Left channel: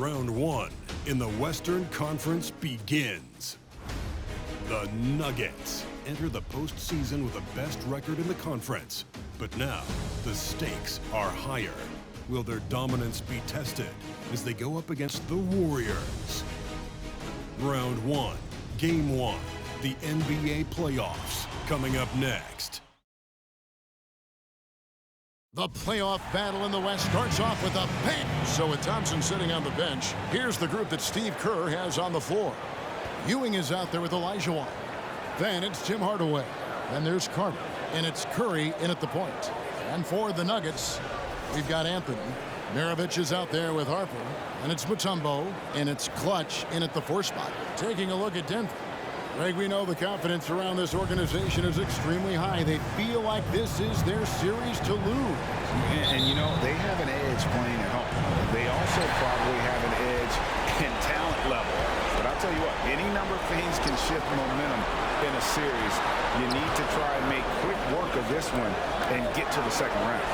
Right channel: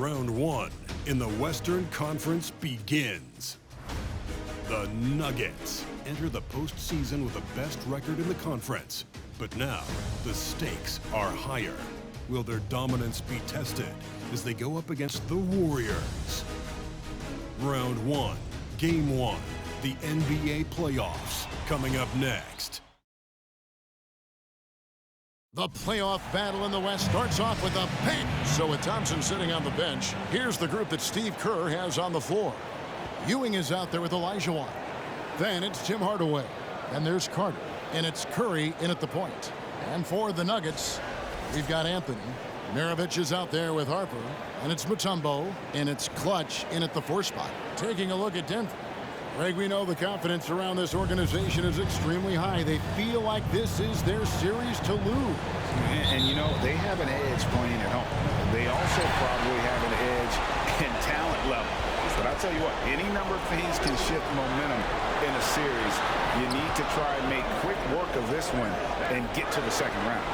Round one in the Western Conference begins. The Nuggets enter the postseason with the best record in the conference. But now, the stakes are higher. Will their dominance be tested as they go up against the Warriors? Round one, Game 1, the NBA playoffs, coming up next. The playoff battle in the West starts off with a bang. So with Thompson sitting on the bench, here's the group that Steve Kerr has on the floor. Ewing is out there with Olajuwon. Then it's Tim Hardaway. Then there's Carter. And it's Curry in at the point. And for the Nuggets, we've got Anthony. Maravich is out there with Harper. And it's Mutombo. And it's Clutch in at the 4 spot. Taking a look at Denver. Greg, we know the confidence around this organization is extremely high. They feel like this is their series to lose. And you know, they have an edge playing at home. They also probably have an edge in talent level. But I'll tell you what, any number of things can shift momentum in a series. You need to try and make quick work of this one and get to the second round.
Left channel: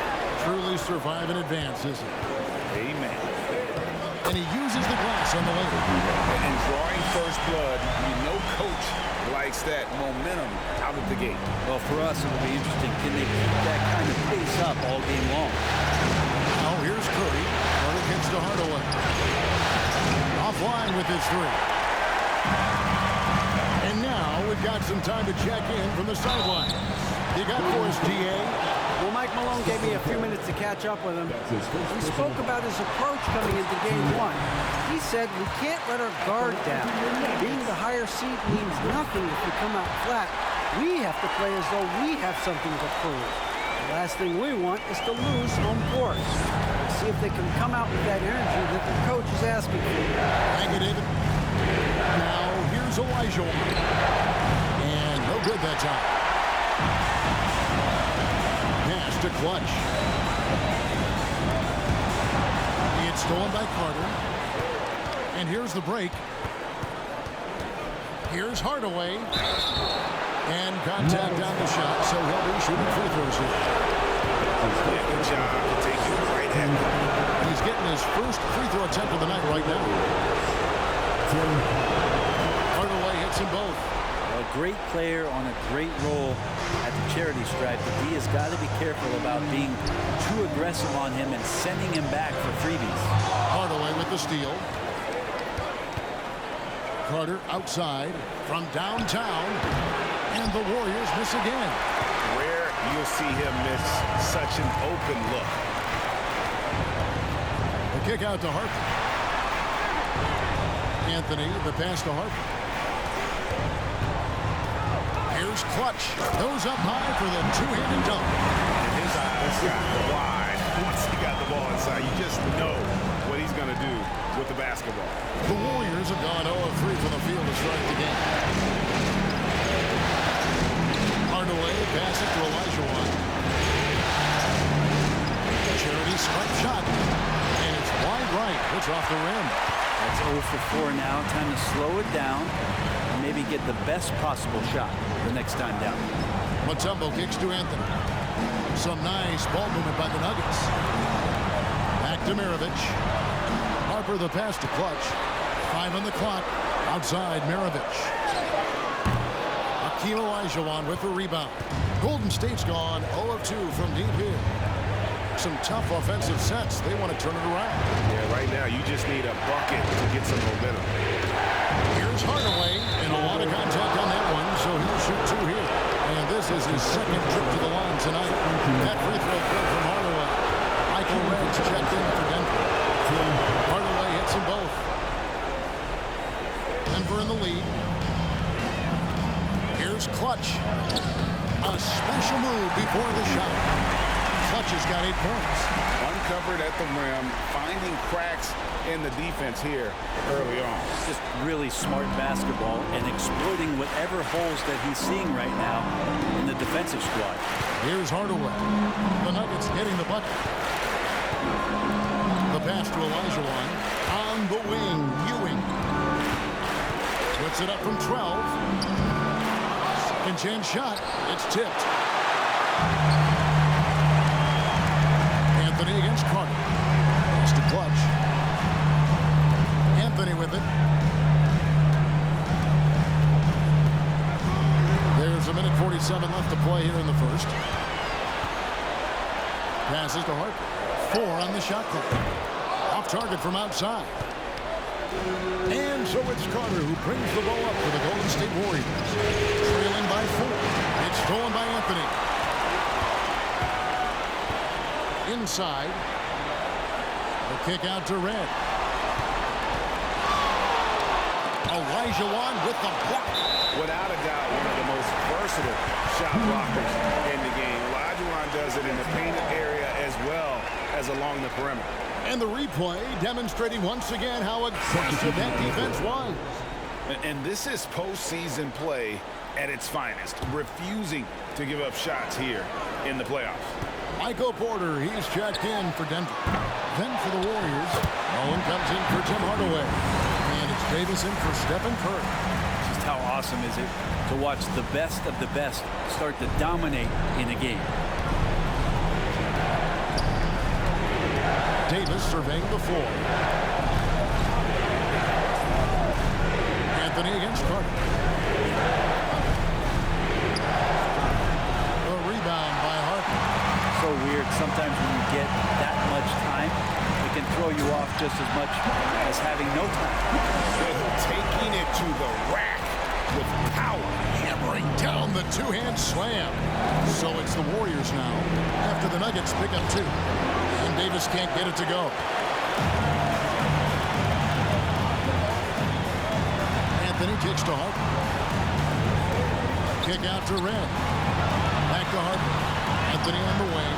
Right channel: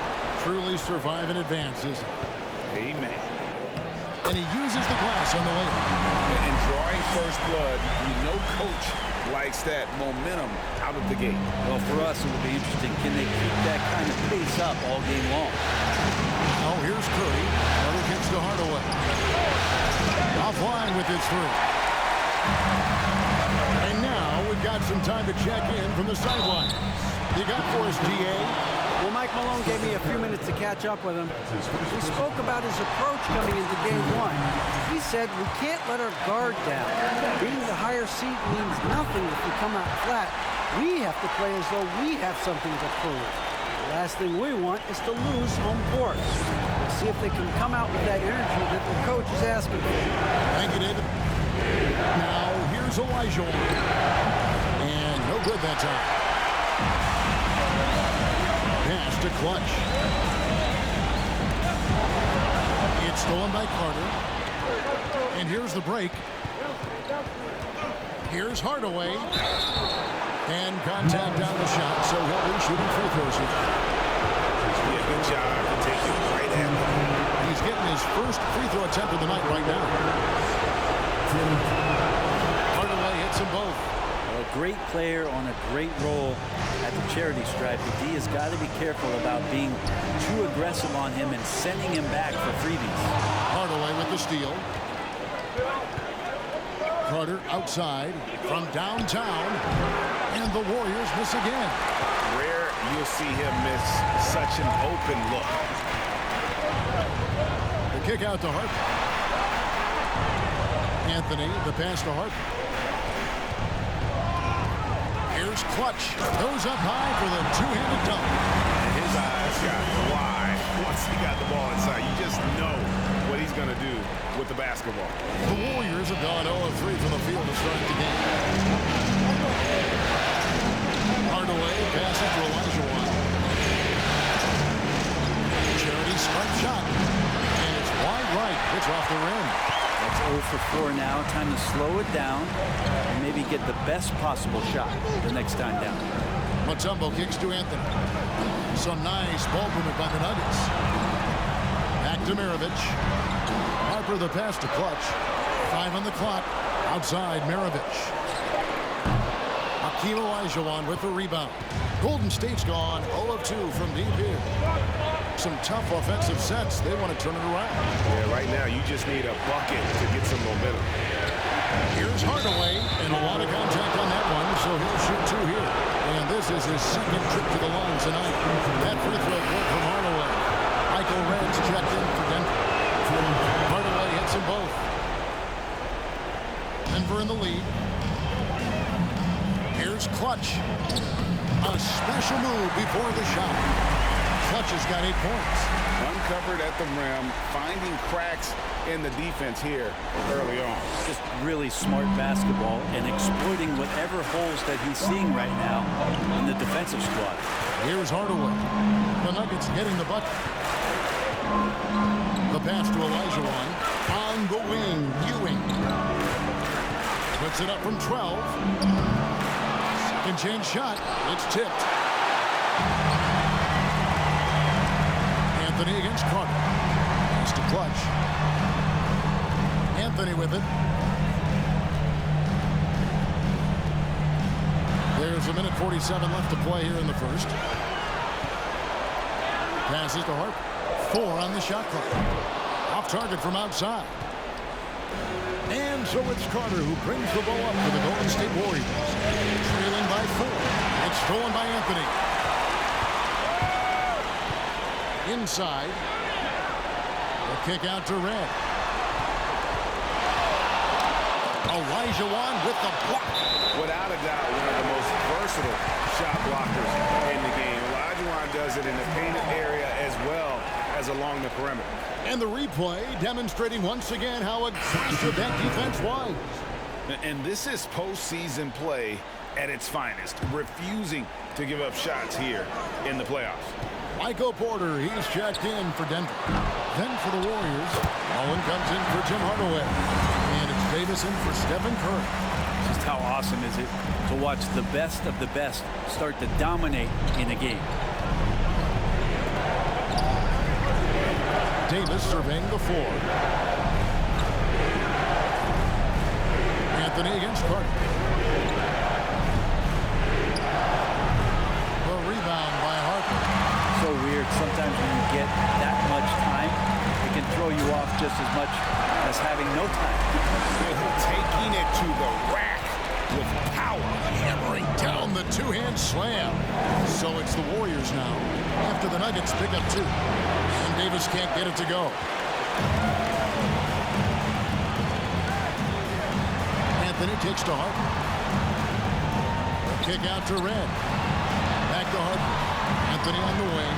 Truly survive in advance, isn't it? Amen. And he uses the glass on the layup. And drawing first blood, you know coach likes that momentum out of the gate. Well, for us, it will be interesting. Can they keep that kind of pace up all game long? Now, here's Curry. Carter kicks to Hardaway. Offline with his 3. And now we've got some time to check in from the sidelines. You got for us, D.A.? Well, Mike Malone gave me a few minutes to catch up with him. We spoke about his approach coming into Game 1. He said we can't let our guard down. Being the higher seed means nothing if we come out flat. We have to play as though we have something to prove. The last thing we want is to lose home court. Let's see if they can come out with that energy that their coach is asking for. Thank you, David. Now, here's Olajuwon. And no good that time. Pass to Clutch. It's stolen by Carter. And here's the break. Here's Hardaway. And contact on the shot, so he'll be shooting free throws here. Yeah, good job to take it right at him. He's getting his first free throw attempt of the night right now. Hardaway hits them both. A great player on a great role at the charity stripe. The D has got to be careful about being too aggressive on him and sending him back for freebies. Hardaway with the steal. Carter outside from downtown. And the Warriors miss again. Rare you'll see him miss such an open look. The kick out to Harper. Anthony, the pass to Harper. Here's Clutch. Goes up high for the two-handed dunk. And his eyes got wide once he got the ball inside. You just know what he's going to do with the basketball. The Warriors have gone 0 of 3 from the field to start the game. Hardaway passes to Olajuwon. Charity stripe shot. And it's wide right. It's off the rim. That's 0 for 4 now. Time to slow it down and maybe get the best possible shot the next time down. Mutombo kicks to Anthony. Some nice ball movement by the Nuggets. Back to Maravich. Harper the pass to Clutch. 5 on the clock. Outside Maravich. Hakeem Olajuwon with the rebound. Golden State's gone 0 of 2 from deep here. Some tough offensive sets. They want to turn it around. Yeah, right now you just need a bucket to get some momentum. Here's Hardaway, and a lot of contact on that one, so he'll shoot 2 here. And this is his second trip to the line tonight. That free throw good from Hardaway. Michael Reds checked in for Denver. Hardaway hits them both. Denver in the lead. Here's Clutch. A special move before the shot. Clutch has got 8 points. Uncovered at the rim, finding cracks in the defense here early on. Just really smart basketball and exploiting whatever holes that he's seeing right now in the defensive squad. Here's Hardaway. The Nuggets getting the bucket. The pass to Olajuwon. On the wing, Ewing. Puts it up from 12. Second chance shot. It's tipped. Anthony against Carter. Pass to Clutch. Anthony with it. There's 1:47 left to play here in the first. Passes to Harper. 4 on the shot clock. Off target from outside. And so it's Carter who brings the ball up for the Golden State Warriors. Trailing by 4. It's stolen by Anthony. Inside. The kick out to Red. Olajuwon with the block. Without a doubt, one of the most versatile shot blockers in the game. Olajuwon does it in the painted area as well as along the perimeter. And the replay demonstrating once again how aggressive that defense was. And this is postseason play at its finest, refusing to give up shots here in the playoffs. Michael Porter, he's checked in for Denver. Then for the Warriors, Mullen comes in for Tim Hardaway. And it's Davis in for Stephen Curry. Just how awesome is it to watch the best of the best start to dominate in a game. Davis surveying the floor. Anthony against Carter. The rebound by Harper. So weird. Sometimes when you get that much time, it can throw you off just as much as having no time. Taking it to the rack with power. Hammering down the two-hand slam. So it's the Warriors now after the Nuggets pick up 2. And Davis can't get it to go. Anthony takes to Harper. Kick out to Red. Back to Harper. Anthony on the wing.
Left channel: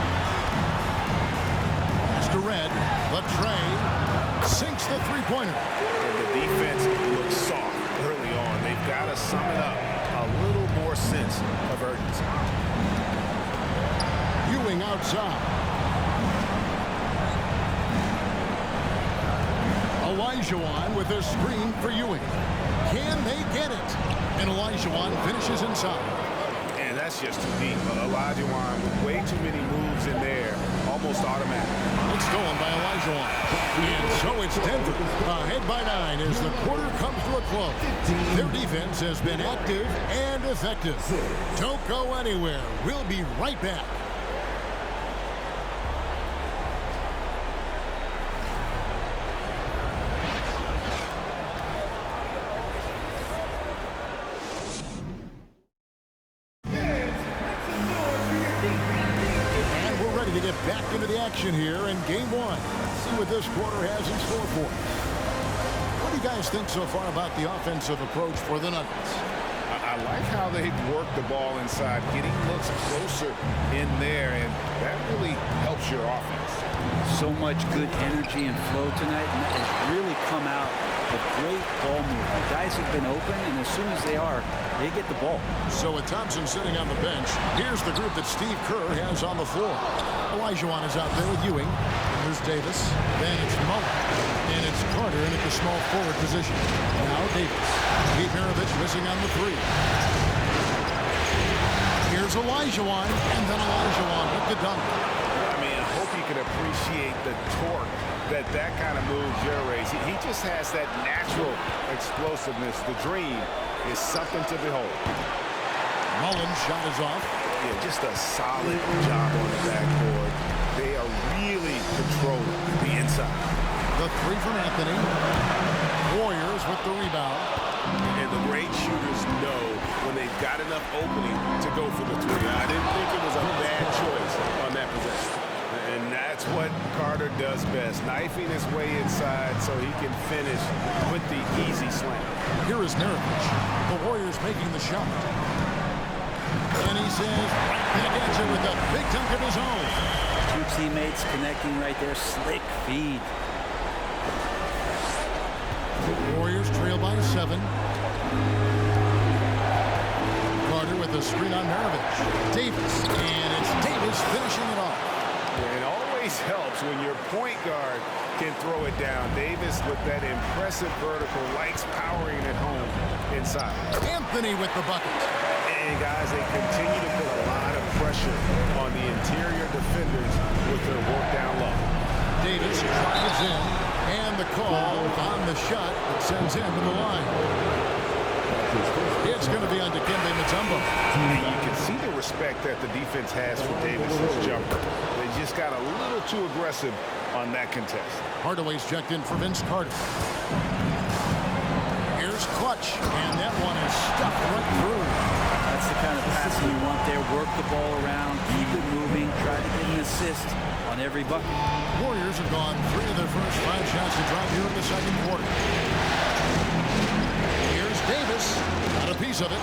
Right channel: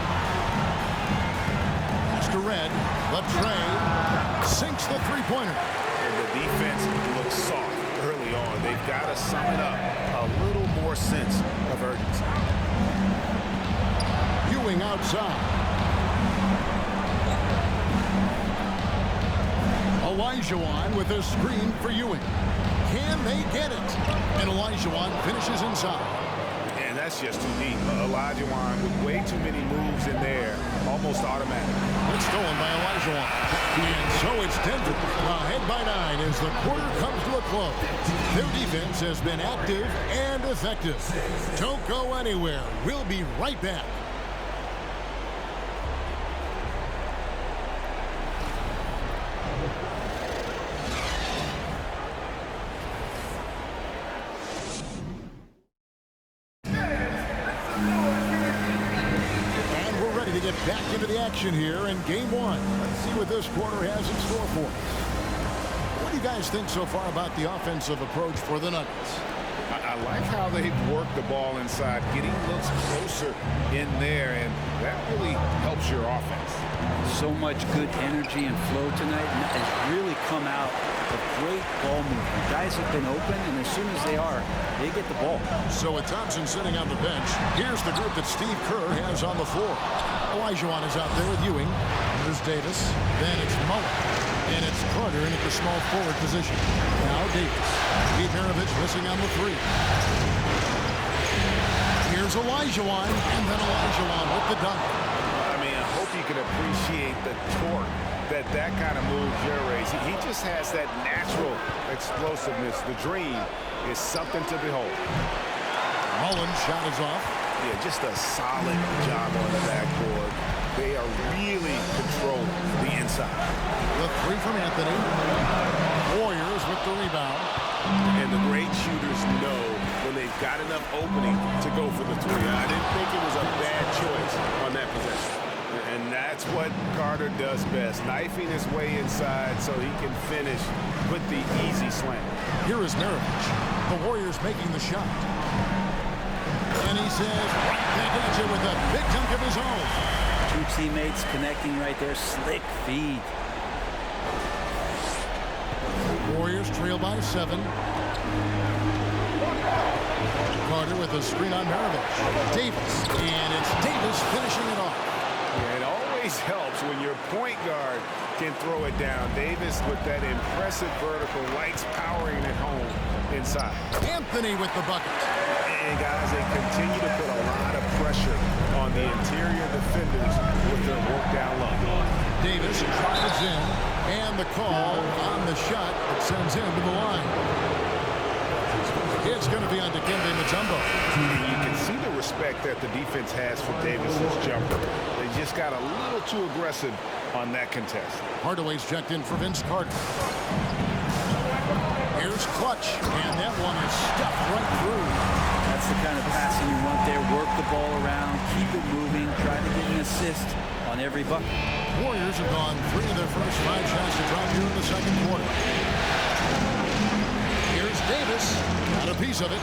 Pass to Red. The tray. Sinks the three-pointer. And the defense looks soft early on. They've got to sum it up. A little more sense of urgency. Ewing outside. Olajuwon with a screen for Ewing. Can they get it? And Olajuwon finishes inside. And that's just too deep. Olajuwon with way too many moves in there, almost automatic. It's stolen by Olajuwon. And so it's Denver ahead by 9 as the quarter comes to a close. Their defense has been active and effective. Don't go anywhere. We'll be right back. To get back into the action here in game 1. Let's see what this quarter has in store for us. What do you guys think so far about the offensive approach for the Nuggets? I like how they've worked the ball inside, getting looks closer in there, and that really helps your offense. So much good energy and flow tonight, and that has really come out of great ball movement. Guys have been open, and as soon as they are, they get the ball. So with Thompson sitting on the bench, here's the group that Steve Kerr has on the floor. Olajuwon is out there with Ewing. There's Davis. Then it's Mullen. And it's Carter in at the small forward position. Now Davis. Pete Maravich missing on the 3. Here's Olajuwon. And then Olajuwon with the dunk. I mean, I hope you can appreciate the torque that kind of move generates. He just has that natural explosiveness. The dream is something to behold. Mullen's shot is off. Yeah, just a solid job on the backboard. They are really controlling the inside. The 3 from Anthony. Warriors with the rebound. And the great shooters know when they've got enough opening to go for the 3. I didn't think it was a bad choice on that possession. And that's what Carter does best, knifing his way inside so he can finish with the easy slam. Here is Maravich. The Warriors making the shot. And he says right back at you with a big dunk of his own. 2 teammates connecting right there. Slick feed. Warriors trail by 7. Carter with a screen on Maravich. Davis. And it's Davis finishing it off. Yeah, it always helps when your point guard can throw it down. Davis with that impressive vertical, likes powering it home inside. Anthony with the bucket. And guys, they continue to put a lot of pressure on the interior defenders with their work down low. Davis drives in, and the call on the shot that sends him to the line. It's going to be on Dikembe Mutombo. And you can see the respect that the defense has for Davis's jumper. They just got a little too aggressive on that contest. Hardaway's checked in for Vince Carter. Here's Clutch, and that one is stuffed right through. That's the kind of passing you want there. Work the ball around, keep it moving, try to get an assist on every bucket. Warriors have gone 3 of their first 5 shots to drop here in the second quarter. Here's Davis, got a piece of it.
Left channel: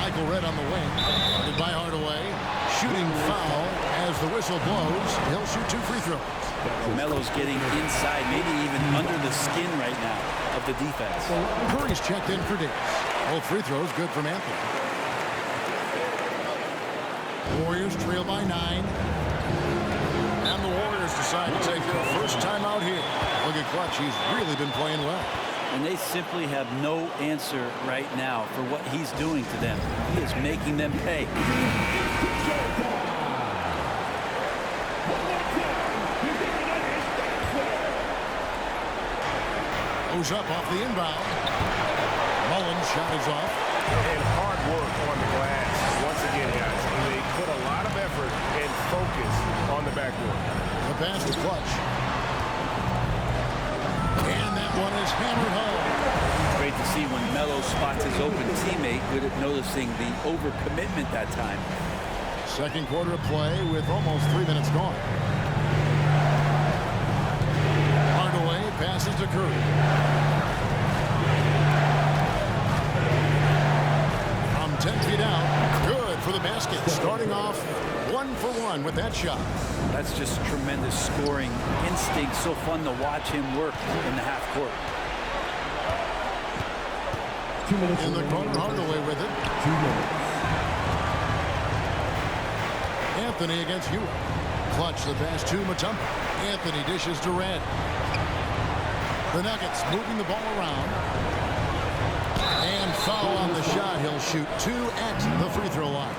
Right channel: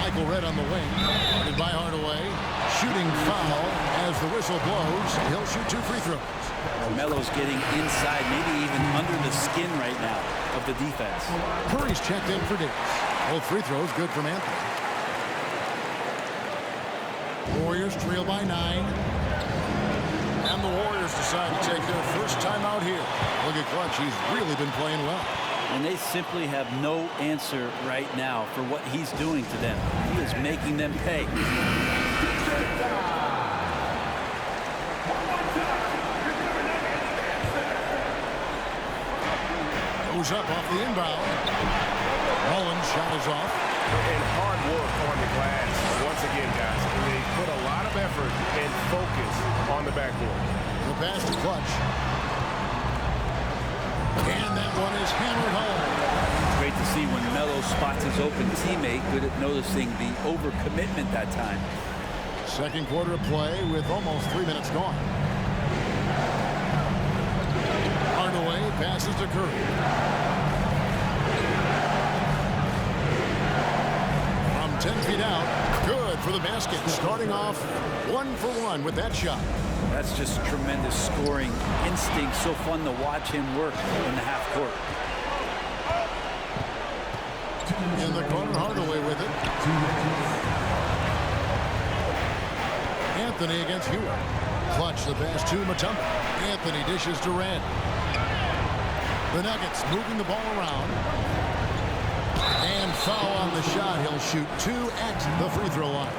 Michael Redd on the wing, guarded by Hardaway. Shooting foul as the whistle blows. He'll shoot 2 free throws. Melo's getting inside, maybe even under the skin right now of the defense. Curry's checked in for Davis. Both free throws good from Anthony. Warriors trail by 9. And the Warriors decide to take their first time out here. Look at Clutch. He's really been playing well. And they simply have no answer right now for what he's doing to them. He is making them pay. Goes up off the inbound. Mullins' shot is off. And hard work on the glass. Once again, guys, they put a lot of effort and focus on the backboard. The pass to Clutch. And that one is hammered home. It's great to see when Melo spots his open teammate, good at noticing the overcommitment that time. Second quarter of play with almost 3 minutes gone. Hardaway passes to Curry. From 10 feet out, good for the basket. Starting off 1 for 1 with that shot. That's just tremendous scoring instinct. So fun to watch him work in the half court. In the corner, Hardaway with it. Anthony against Hewitt. Clutch the pass to Mutombo. Anthony dishes to Redd. The Nuggets moving the ball around. And foul on the shot. He'll shoot 2 at the free throw line.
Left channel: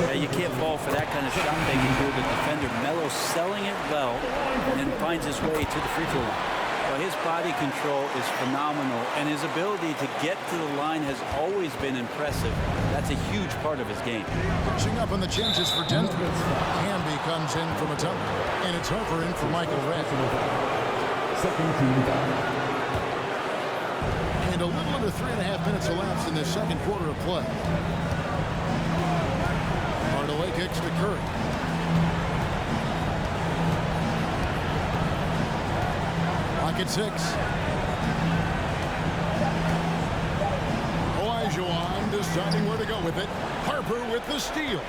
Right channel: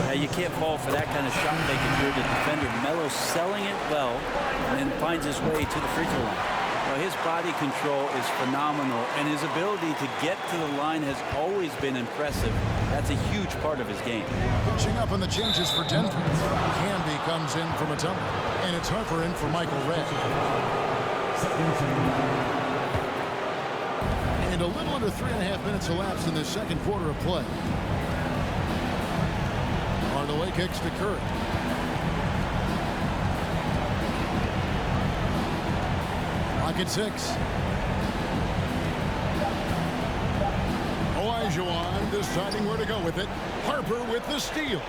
Yeah, you can't fall for that kind of shot fake if you're the defender. Melo selling it well and then finds his way to the free throw line. Well, his body control is phenomenal, and his ability to get to the line has always been impressive. That's a huge part of his game. Catching up on the changes for Denver. Camby comes in for Mutombo, and it's Harper in for Michael Redd. And a little under 3.5 minutes elapsed in the second quarter of play. Hardaway kicks to Curry. Lock at 6. Olajuwon deciding where to go with it. Harper with the steal.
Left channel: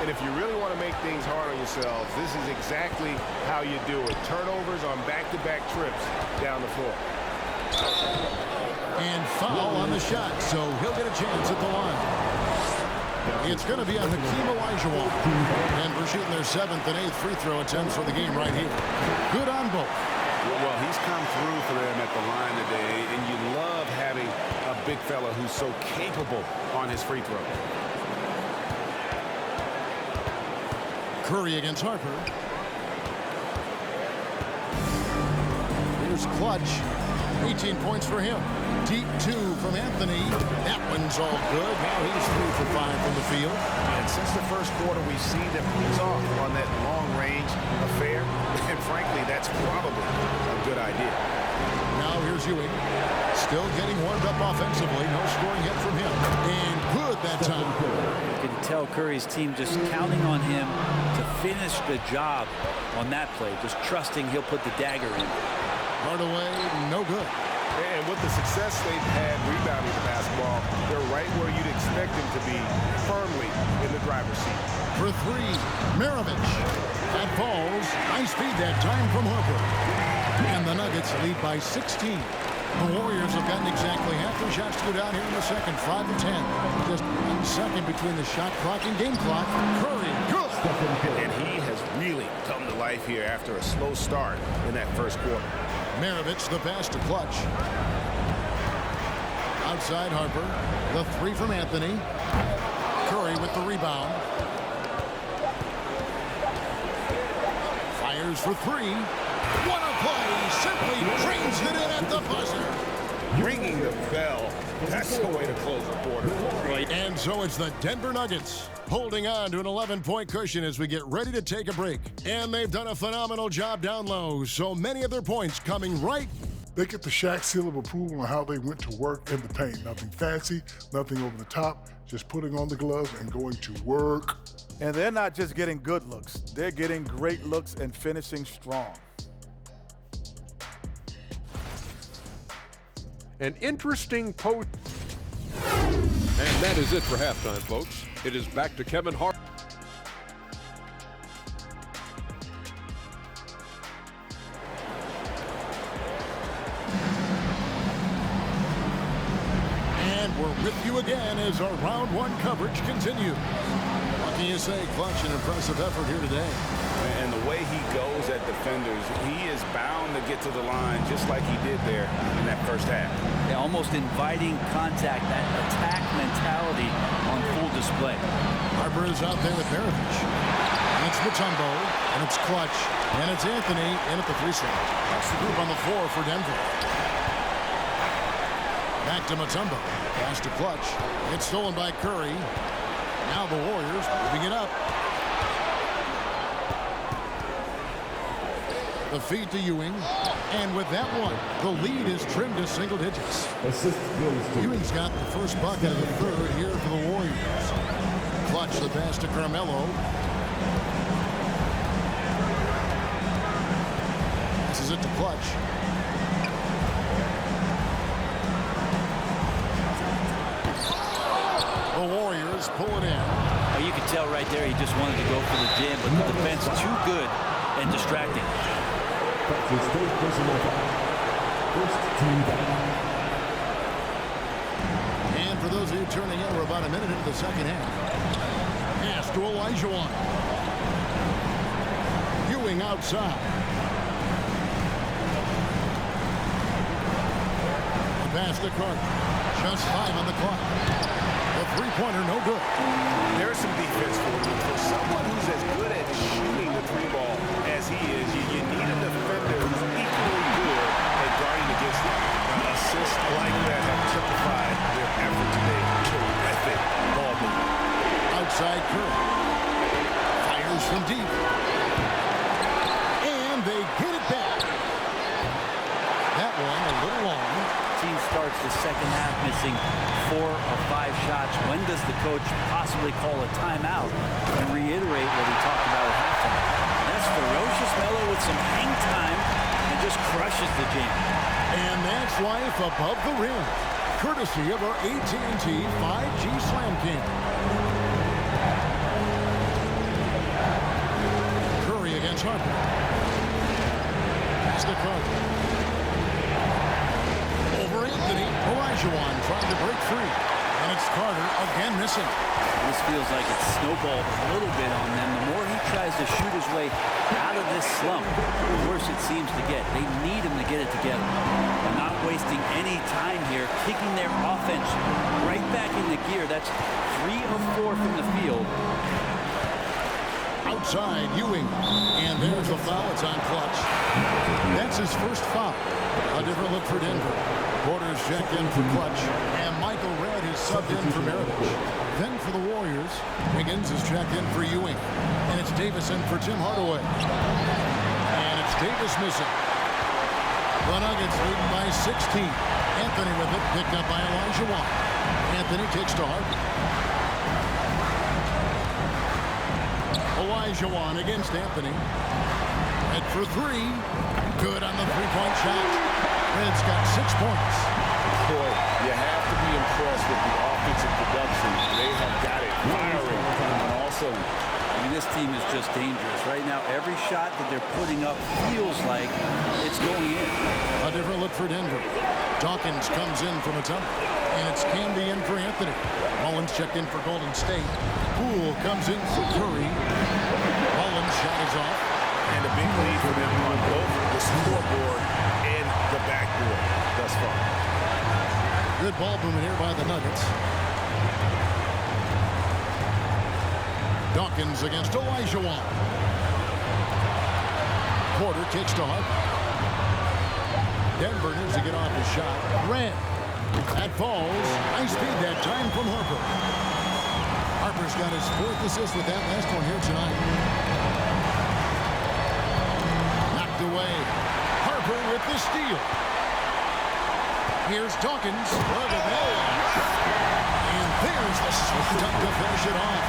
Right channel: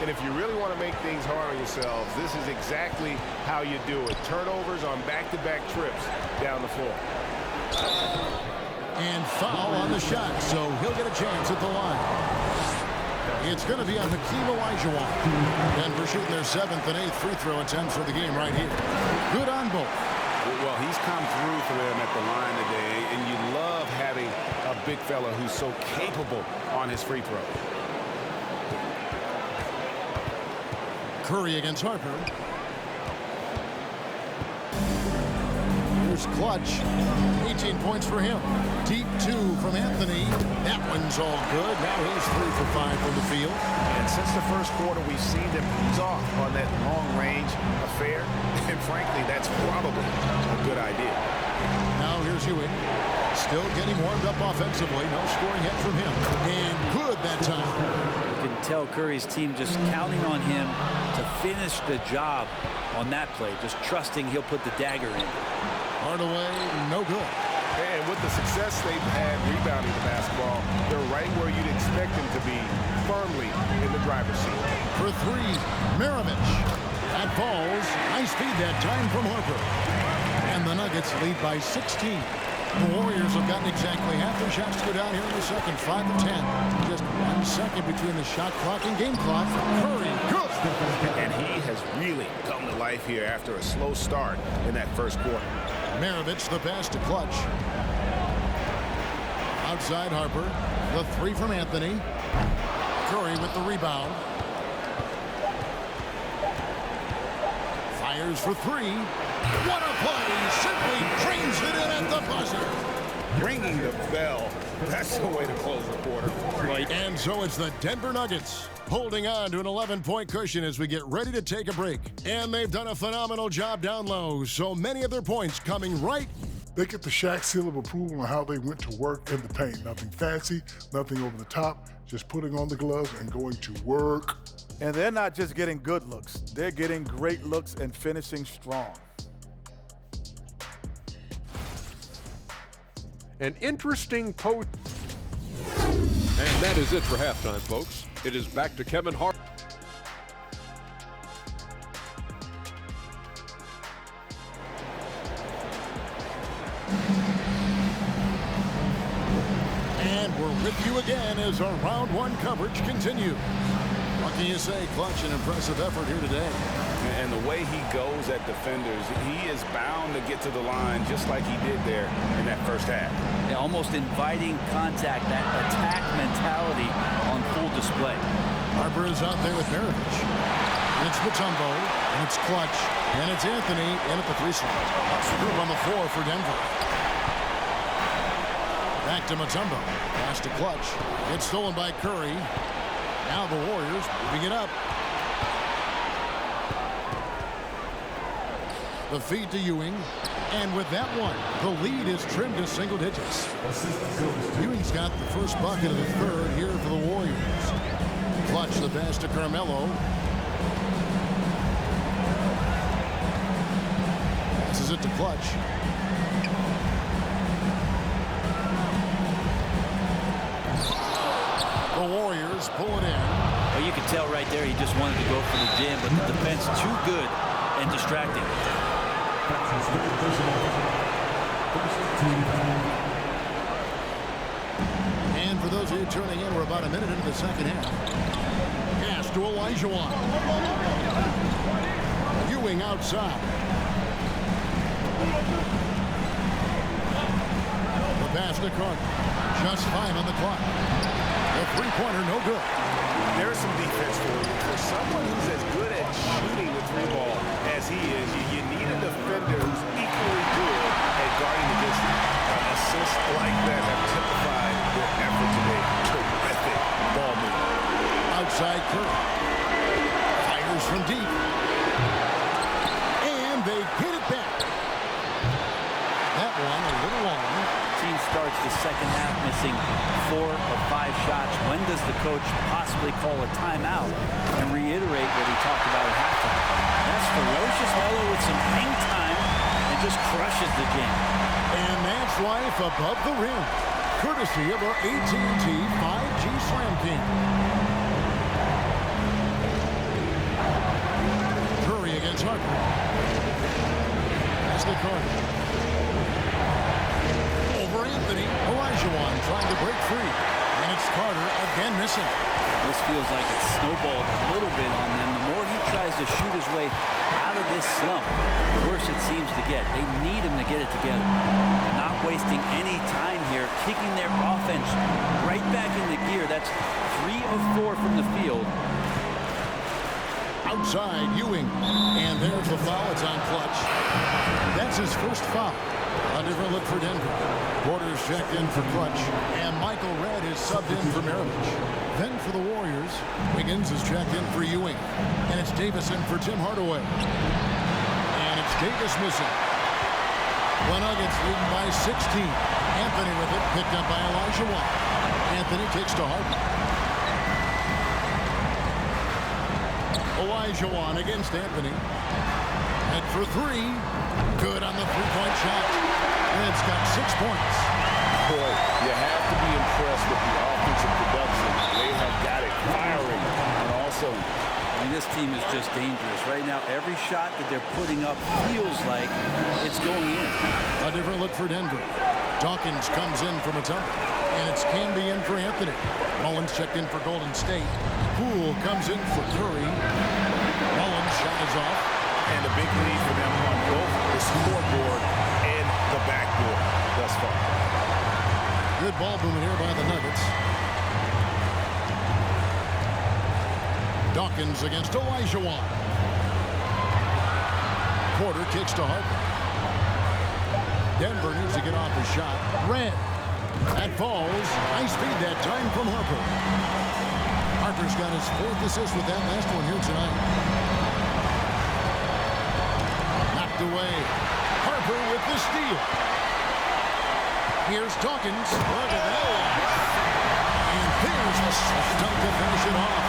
And if you really want to make things hard on yourselves, this is exactly how you do it. Turnovers on back-to-back trips down the floor. And foul on the shot, so he'll get a chance at the line. It's going to be on Hakeem Olajuwon. Denver shooting their 7th and 8th free throw attempts for the game right here. Good on both. Well, he's come through for them at the line today, and you love having a big fella who's so capable on his free throw. Curry against Harper. Here's Clutch. 18 points for him. Deep 2 from Anthony. That one's all good. Now he's 3 for 5 from the field. And since the first quarter, we've seen them ease off on that long-range affair. And frankly, that's probably a good idea. Now here's Ewing. Still getting warmed up offensively. No scoring hit from him. And good that time. You can tell Curry's team just counting on him to finish the job on that play. Just trusting he'll put the dagger in. Hardaway, no good. And with the success they've had rebounding the basketball, they're right where you'd expect them to be, firmly in the driver's seat. For 3, Maravich. That falls. Nice feed that time from Harper. And the Nuggets lead by 16. The Warriors have gotten exactly half their shots to go down here in the second, 5 of 10. Just 1 second between the shot clock and game clock. Curry, good. And he has really come to life here after a slow start in that first quarter. Maravich the pass to Clutch. Outside Harper. The 3 from Anthony. Curry with the rebound. Fires for three. What a play. Simply drains it in at the buzzer. Ringing the bell. That's the way to close the quarter. And so it's the Denver Nuggets holding on to an 11-point cushion as we get ready to take a break. And they've done a phenomenal job down low. So many of their points coming right. They get the Shaq seal of approval on how they went to work in the paint. Nothing fancy, nothing over the top, just putting on the gloves and going to work. And they're not just getting good looks. They're getting great looks and finishing strong. An interesting post. And that is it for halftime, folks. It is back to Kevin Hart. And we're with you again as our round one coverage continues. What can you say? Clutch and impressive effort here today. And the way he goes at defenders, he is bound to get to the line just like he did there in that first half. Yeah, almost inviting contact, that attack mentality on full display. Harper is out there with Maravich. And it's Mutombo, and it's Clutch, and it's Anthony in at the free slot. That's the group on the floor for Denver. Back to Mutombo. Pass to Clutch. It's stolen by Curry. Now the Warriors moving it up. The feed to Ewing. And with that one, the lead is trimmed to single digits. Ewing's got the first bucket of the third here for the Warriors. Clutch the pass to Carmelo. Passes it to Clutch. The Warriors pull it in. Oh, you can tell right there he just wanted to go for the jam, but the defense too good and distracting. And for those of you turning in, we're about a minute into the second half. Pass to Olajuwon. Ewing outside. The pass to Carter. Just 5 on the clock. The three-pointer no good. There's some defense for you. For someone who's as good at shooting the three ball as he is, you need a defender who's equally good at guarding against him. Assists like that have typified their effort today. Terrific ball movement. Outside Curry. Fires from deep. And they get it back. That one a little long. Team starts the second half missing 4 or 5 shots. When does the coach possibly call a timeout and reiterate what he talked about at halftime? That's ferocious Melo with some hang time and just crushes the jam. And that's life above the rim, courtesy of our AT&T 5G Slam Cam. Curry against Harper. Pass to Carter. Over Anthony. Olajuwon trying to break free. And it's Carter again missing. This feels like it's snowballed a little bit on them. The more he tries to shoot his way out of this slump, the worse it seems to get. They need him to get it together. They're not wasting any time here, kicking their offense right back into gear. That's 3 of 4 from the field. Outside, Ewing. And there's the foul. It's on Clutch. That's his first foul. A different look for Denver. Porter's checked in for Clutch. And Michael Redd is subbed in for Maravich. Then for the Warriors, Wiggins is checked in for Ewing. And it's Davis in for Tim Hardaway. And it's Davis missing. The Nuggets leading by 16. Anthony with it, picked up by Olajuwon. Anthony kicks to Harper. Olajuwon against Anthony. Head for 3. Good on the three-point shot. Red's got 6 points. Boy, you have to be impressed with the offensive production. They have got it firing on all cylinders. I mean, this team is just dangerous. Right now, every shot that they're putting up feels like it's going in. A different look for Denver. Dawkins comes in from a tumble. And it's Camby in for Anthony. Mullins checked in for Golden State. Poole comes in for Curry. Mullins' shot is off. And a big lead for them on both the scoreboard and the backboard thus far. Good ball movement here by the Nuggets. Dawkins against Olajuwon. Porter kicks to Harper. Denver needs to get off his shot. Red. That falls. Nice speed that time from Harper. Harper's got his 4th assist with that last one here tonight. Knocked away. Harper with the steal. Here's Dawkins. Look at that. And there's the soft dunk to finish it off.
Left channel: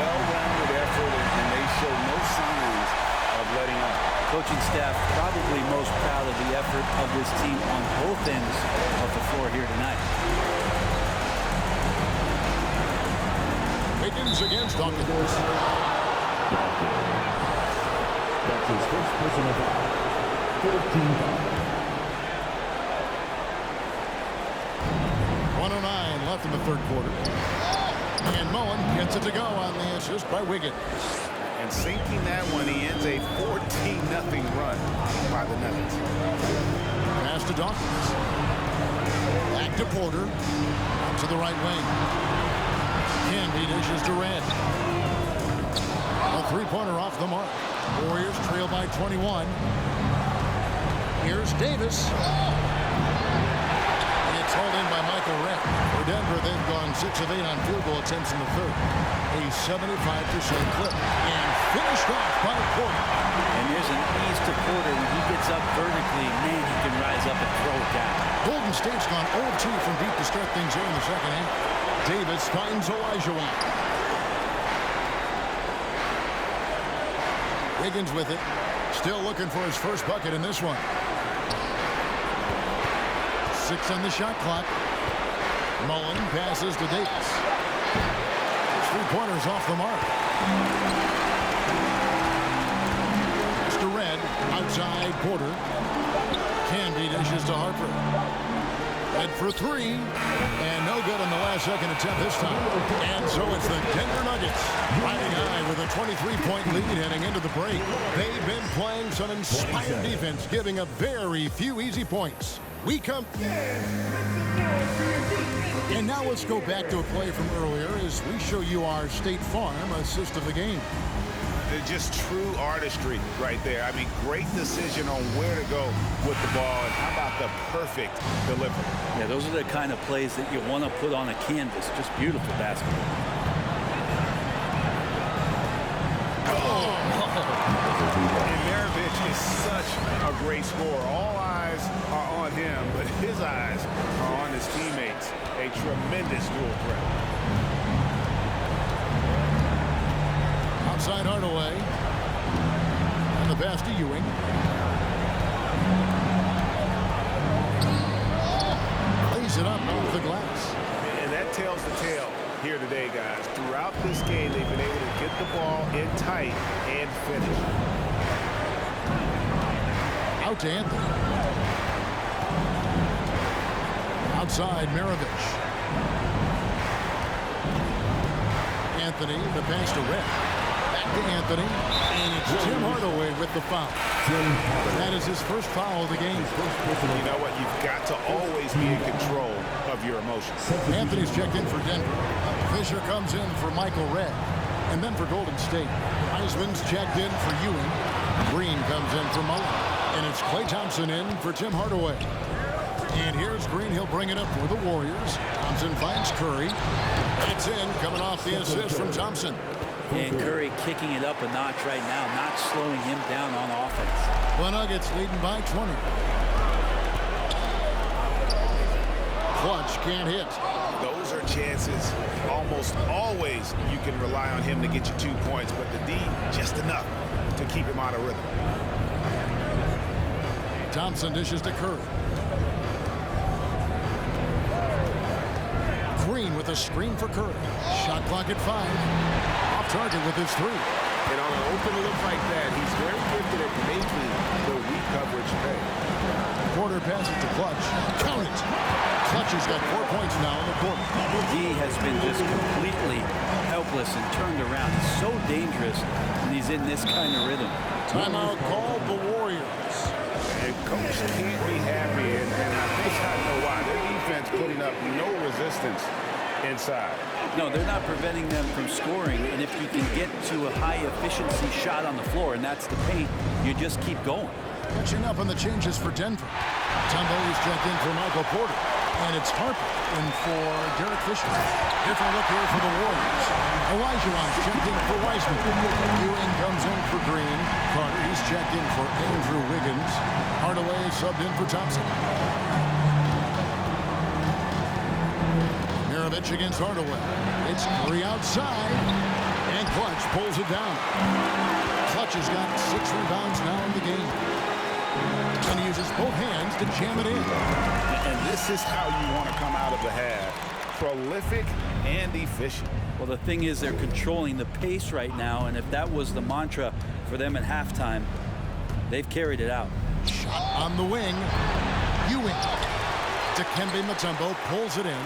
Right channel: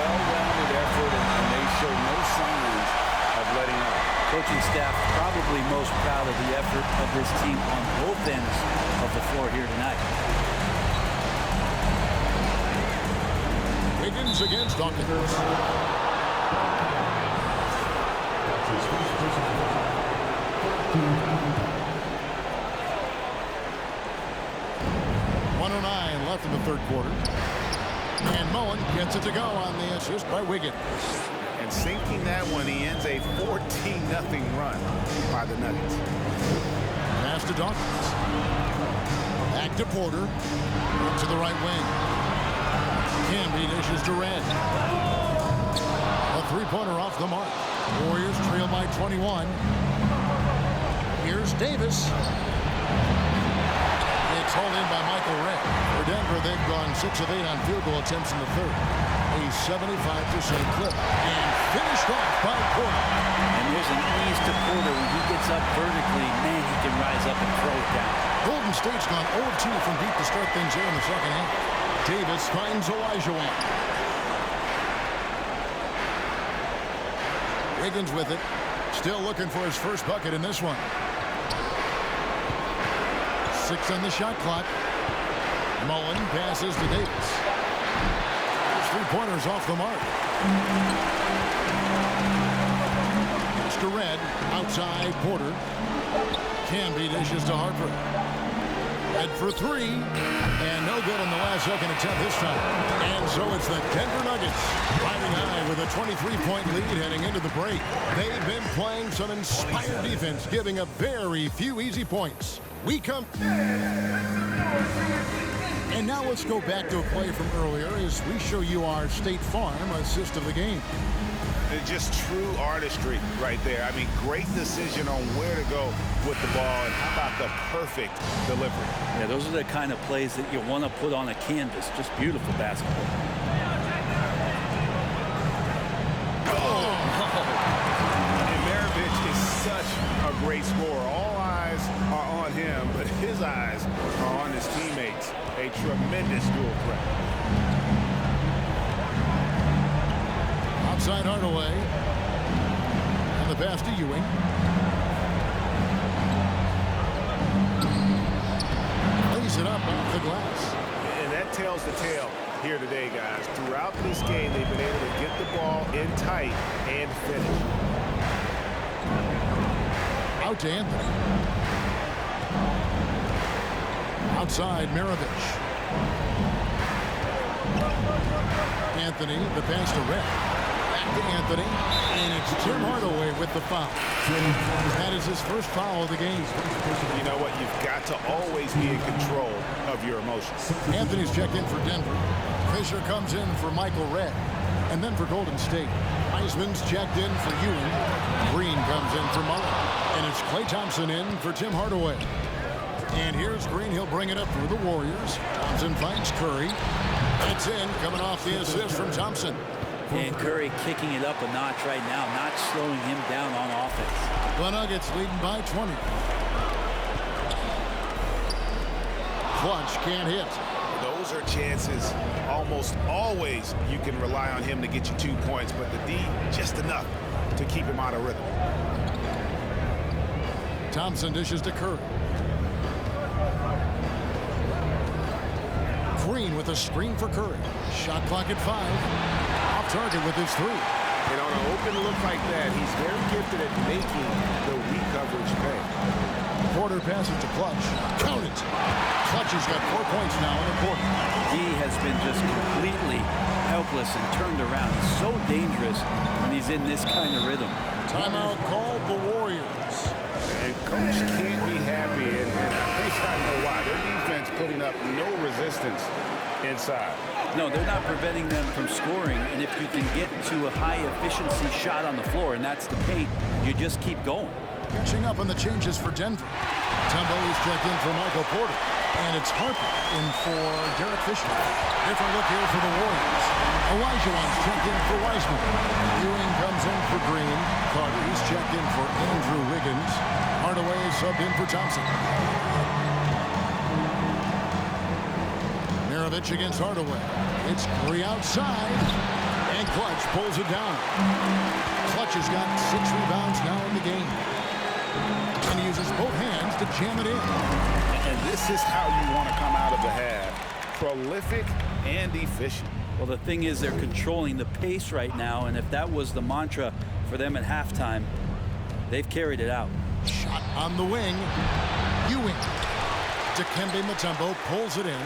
Well-rounded effort, and they show no signs of letting up. Coaching staff probably most proud of the effort of this team on both ends of the floor here tonight. Wiggins against Dawkins. That's his first personal foul. 14 foul. 1:09 left in the 3rd quarter. And Mullen gets it to go on the assist by Wiggins. And sinking that one, he ends a 14-0 run by the Nuggets. Pass to Dawkins. Back to Porter. Out to the right wing. Canby dishes to Red. A 3-pointer off the mark. Warriors trail by 21. Here's Davis. It's hauled in by Michael Red. For Denver, they've gone 6 of 8 on field goal attempts in the 3rd. A 75% clip. And finished off by Porter. And there's an ease to Porter when he gets up vertically. Man, he can rise up and throw it down. Golden State's gone 0-2 from deep to start things here in the 2nd half. Davis finds Olajuwon. Wiggins with it. Still looking for his first bucket in this one. 6 on the shot clock. Mullen passes to Davis. His 3-pointers off the mark. Pass to Red. Outside Porter. Canby dishes to Harper. Red for 3. And no good on the last second attempt this time. And so it's the Denver Nuggets riding high with a 23-point lead heading into the break. They've been playing some inspired defense, giving up very few easy points. We come. And now let's go back to a play from earlier as we show you our State Farm assist of the game. Just true artistry right there. I mean, great decision on where to go with the ball, and how about the perfect delivery? Yeah, those are the kind of plays that you want to put on a canvas. Just beautiful basketball. And Maravich is such a great scorer. All eyes are on him, but his eyes are on his teammates. A tremendous dual threat. Outside Hardaway. And the pass to Ewing. Lays it up off the glass. And that tells the tale here today, guys. Throughout this game, they've been able to get the ball in tight and finish. Out to Anthony. Outside Maravich. Anthony, the pass to Red. Back to Anthony. And it's Tim Hardaway with the foul. That is his first foul of the game. You know what? You've got to always be in control of your emotions. Anthony's checked in for Denver. Fisher comes in for Michael Red. And then for Golden State, Wiseman's checked in for Ewing. Green comes in for Mullen. And it's Klay Thompson in for Tim Hardaway. And here's Green. He'll bring it up for the Warriors. Thompson finds Curry. It's in, coming off the assist from Thompson. And Curry kicking it up a notch right now, not slowing him down on offense. The Nuggets leading by 20. Clutch can't hit. Those are chances almost always you can rely on him to get you 2 points, but the D just enough to keep him out of rhythm. Thompson dishes to Curry. Green with a screen for Curry. Shot clock at 5. Off target with his 3. And on an open look like that, he's very gifted at making the weak coverage pay. Porter passes to Clutch. Count it. Clutch has got 4 points now in the quarter. He has been just completely helpless and turned around. He's so dangerous when he's in this kind of rhythm. Timeout called the Warriors. And coach can't be happy, and I think I know why. Their defense putting up no resistance inside. No, they're not preventing them from scoring, and if you can get to a high-efficiency shot on the floor, and that's the paint, you just keep going. Catching up on the changes for Denver. Mutombo, he's checked in for Michael Porter. And it's Harper in for Derek Fisher. Different look here for the Warriors. Olajuwon's checked in for Wiseman. Ewing comes in for Green. Carter, he's checked in for Andrew Wiggins. Hardaway is subbed in for Thompson. Mirovic against Hardaway. It's Curry outside. And Clutch pulls it down. Clutch has got 6 rebounds now in the game. And he uses both hands to jam it in. And this is how you want to come out of the half. Prolific and efficient. Well, the thing is they're controlling the pace right now, and if that was the mantra for them at halftime, they've carried it out. Shot on the wing. Ewing. Dikembe Mutombo pulls it in.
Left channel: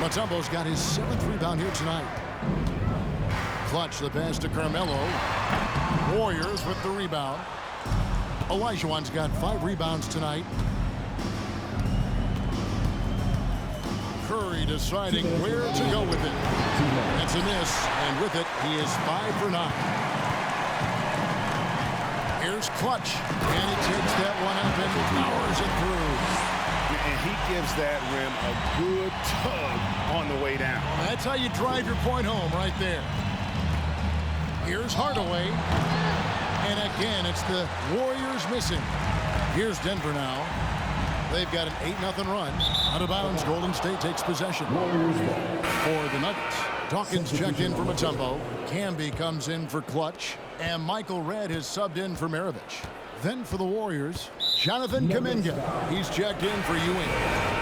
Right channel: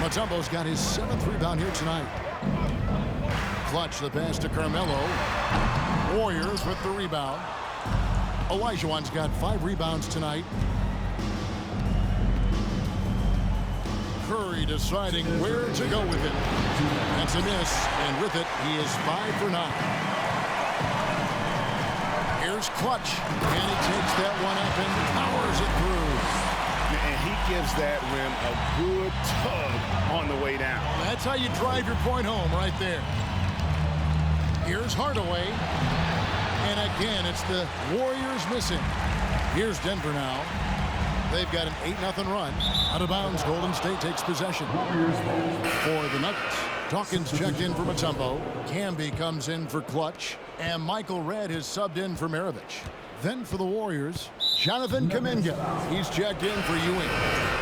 Mutombo's got his 7th rebound here tonight. Clutch the pass to Carmelo. Warriors with the rebound. Olajuwon's got 5 rebounds tonight. Curry deciding where to go with it. That's a miss, and with it, he is 5 for 9. Here's Clutch, and he takes that one up and powers it through. And he gives that rim a good tug on the way down. That's how you drive your point home right there. Here's Hardaway. And again, it's the Warriors missing. Here's Denver now. They've got an 8-0 run. Out of bounds, Golden State takes possession. For the Nuggets, Dawkins checked in for Mutombo. Camby comes in for Clutch. And Michael Redd has subbed in for Mirovic. Then for the Warriors, Jonathan Kuminga. He's checked in for Ewing.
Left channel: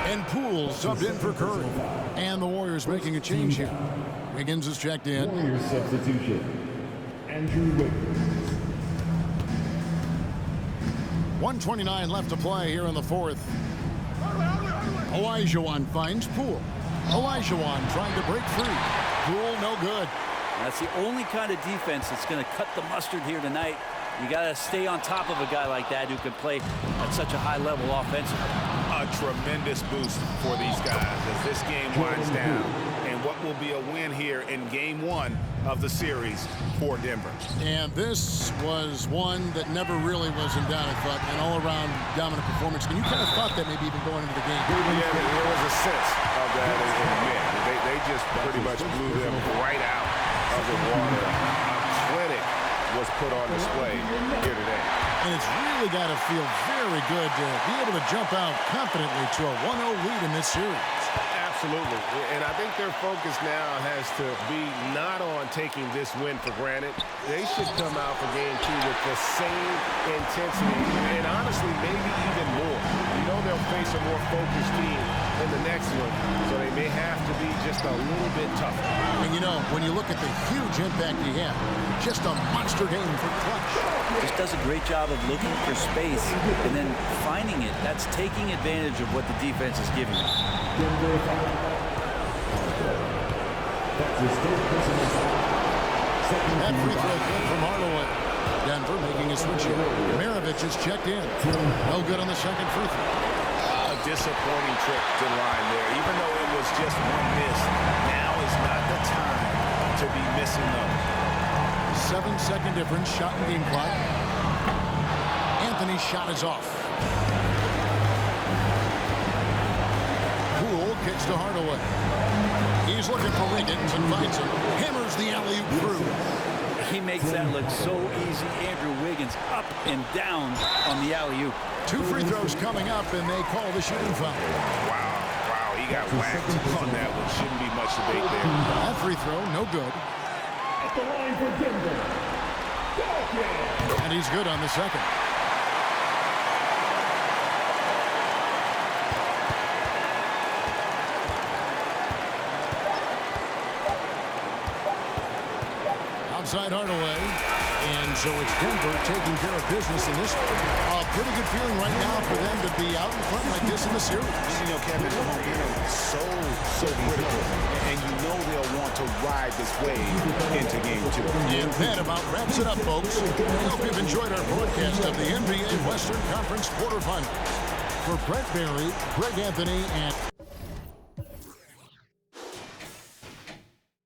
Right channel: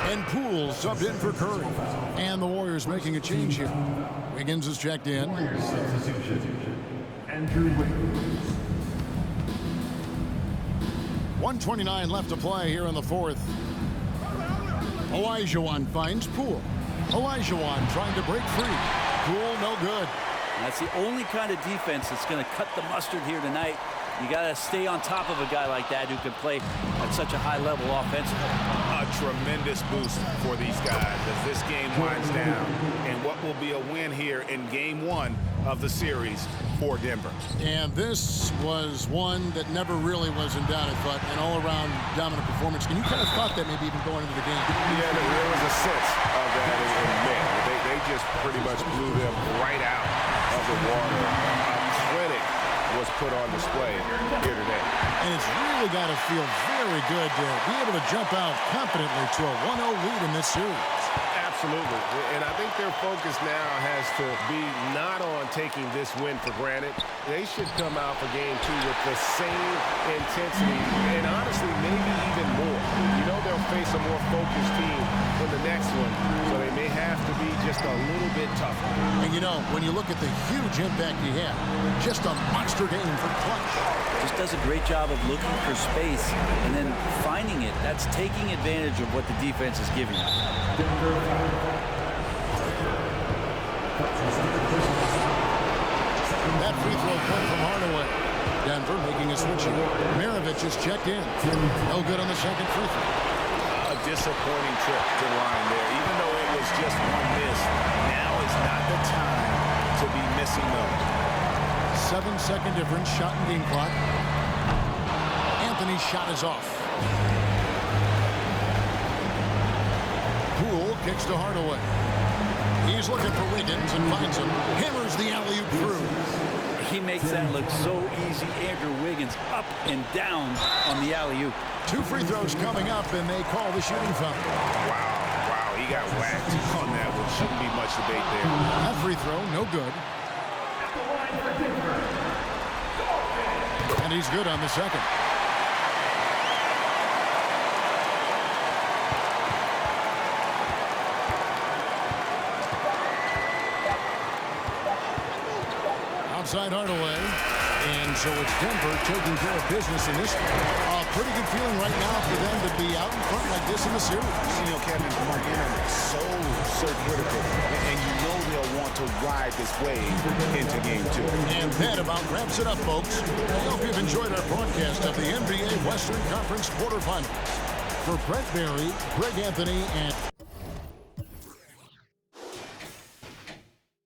And Poole subbed in for Curry. And the Warriors making a change here. Wiggins is checked in. Warriors substitution. Andrew Wiggins. 1:29 left to play here in the 4th. Olajuwon finds Poole. Olajuwon trying to break free. Poole no good. That's the only kind of defense that's going to cut the mustard here tonight. You got to stay on top of a guy like that who can play at such a high level offensively. A tremendous boost for these guys as this game winds down. And what will be a win here in game 1 of the series for Denver. And this was one that never really was in doubt, I thought, an all-around dominant performance. And you kind of thought that maybe even going into the game. Yeah, there was a sense of that in men. They just pretty much blew them right out of the water. A clinic was put on display here today. And it's really got to feel very good to be able to jump out confidently to a 1-0 lead in this series. Absolutely. And I think their focus now has to be not on taking this win for granted. They should come out for game 2 with the same intensity and honestly maybe even more. You know they'll face a more focused team in the next one, so they may have to be just a little bit tougher. And you know, when you look at the huge impact he had, just a monster game for Clutch. Just does a great job of looking for space and then finding it. That's taking advantage of what the defense is giving you. That free throw cut from Hardaway. Denver making a switch here. Mirovic is checked in. No good on the second free throw. A disappointing trip to the line there. Even though it was just one miss, now is not the time to be missing those. 7-second difference, shot and game clock. Anthony's shot is off. Poole kicks to Hardaway. He's looking for Wiggins and finds him. Hammers the alley-oop through. He makes that look so easy. Andrew Wiggins up and down on the alley-oop. 2 free throws coming up, and they call the shooting foul. Wow, he got whacked on that one. Shouldn't be much debate there. That free throw, no good. At the line for Denver, Dawkins. And he's good on the second. Outside Hardaway. And so it's Denver taking care of business in this one. A pretty good feeling right now for them to be out in front like this in the series. You know, Kevin, momentum so critical. And you know they'll want to ride this wave into game 2. And that about wraps it up, folks. I hope you've enjoyed our broadcast of the NBA Western Conference quarterfinals. For Brent Barry, Greg Anthony, and